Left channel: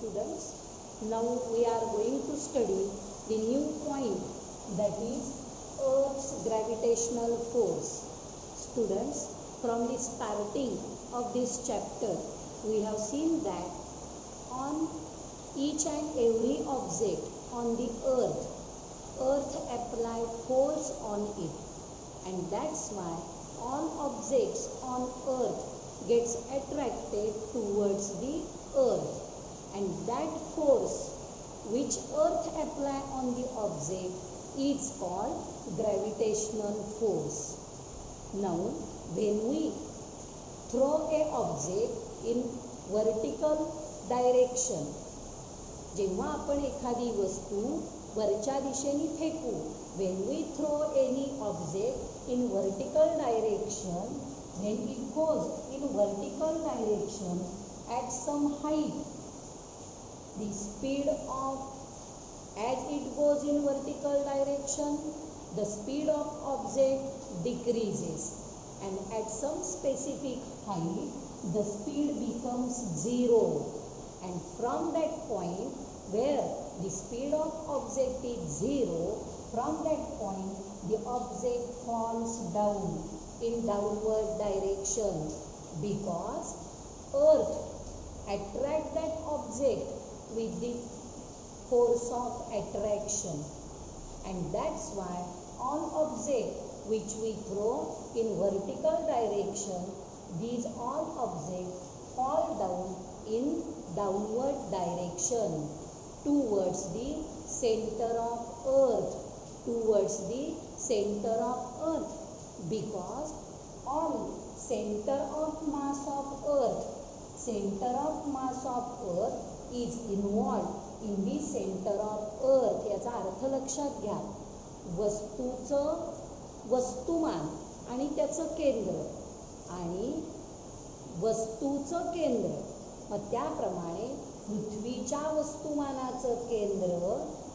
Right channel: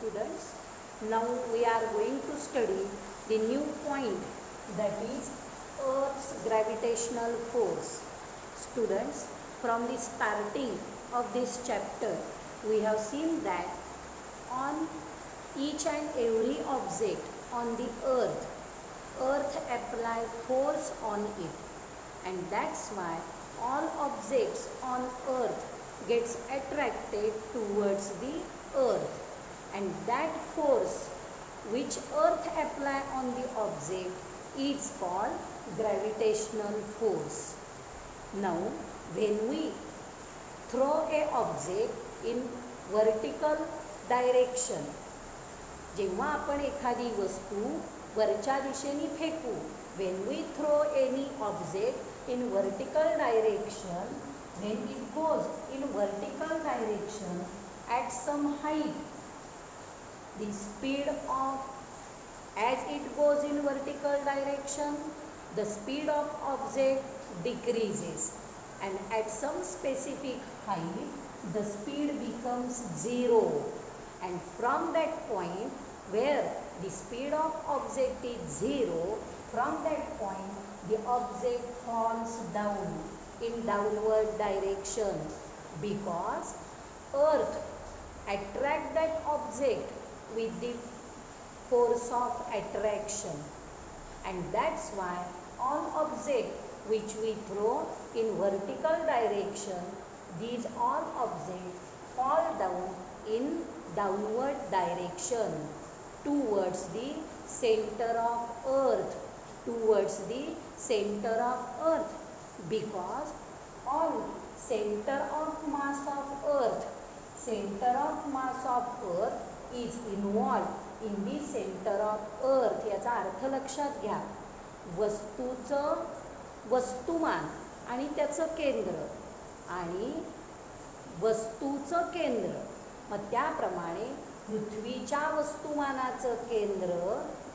students. Now we are going to study the new point, that is Earth's gravitational force. Students, from the starting of this chapter, we have seen that on each and every object on the earth apply force on it, and that's why all objects on earth gets attracted towards the earth, and that force which earth apply on the object is called gravitational force. Now when we throw a object in vertical direction, जेव्हा आपण एखादी वस्तू वरच्या दिशेने फेकू, when we throw any object in vertical direction, when it goes in vertical direction at some height, the speed of, as it goes in vertical direction, the speed of object decreases, and at some specific height the speed becomes 0, and from that point where the speed of object is 0, from that point the object falls down in downward direction, because earth attract that object with the force of attraction, and that's why all objects which we throw in vertical direction, these all objects fall down in downward direction towards the center of earth, because all center of mass of earth is involved in the center of earth. याचा अर्थ लक्षात घ्या, वस्तूचं वस्तुमान आणि त्याचं केंद्र आणि वस्तूचं केंद्र, मग त्याप्रमाणे पृथ्वीच्या वस्तुमानाचं केंद्र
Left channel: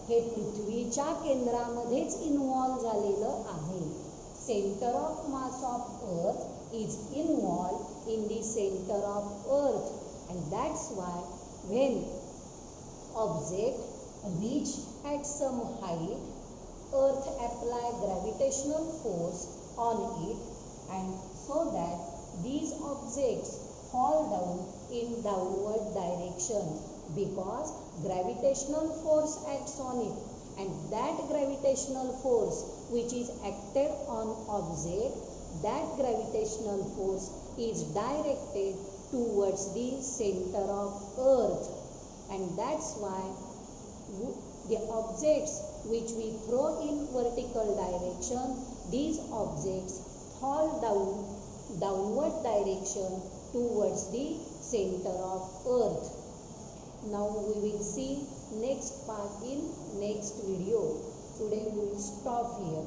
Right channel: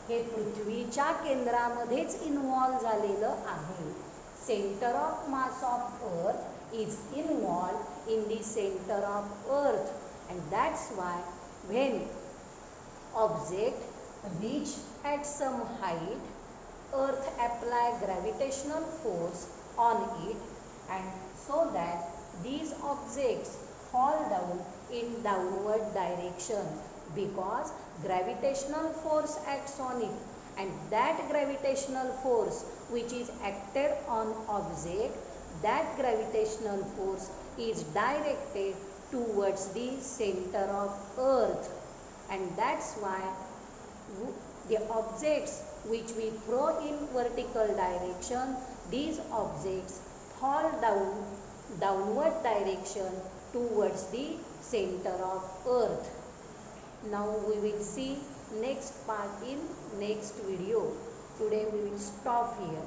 हे पृथ्वीच्या केंद्रामध्येच इन्व्हॉल्व झालेलं आहे. Centre of mass of earth is involve in the centre of earth, and that's why when object reach at some height, earth apply gravitational force on it, and so that these objects fall down in downward direction, because gravitational force acts on it, and that gravitational force which is acted on object, that gravitational force is directed towards the center of earth, and that's why the objects which we throw in vertical direction, these objects fall downward direction towards the center of earth. Now we will see next part in next video. Today we will stop here.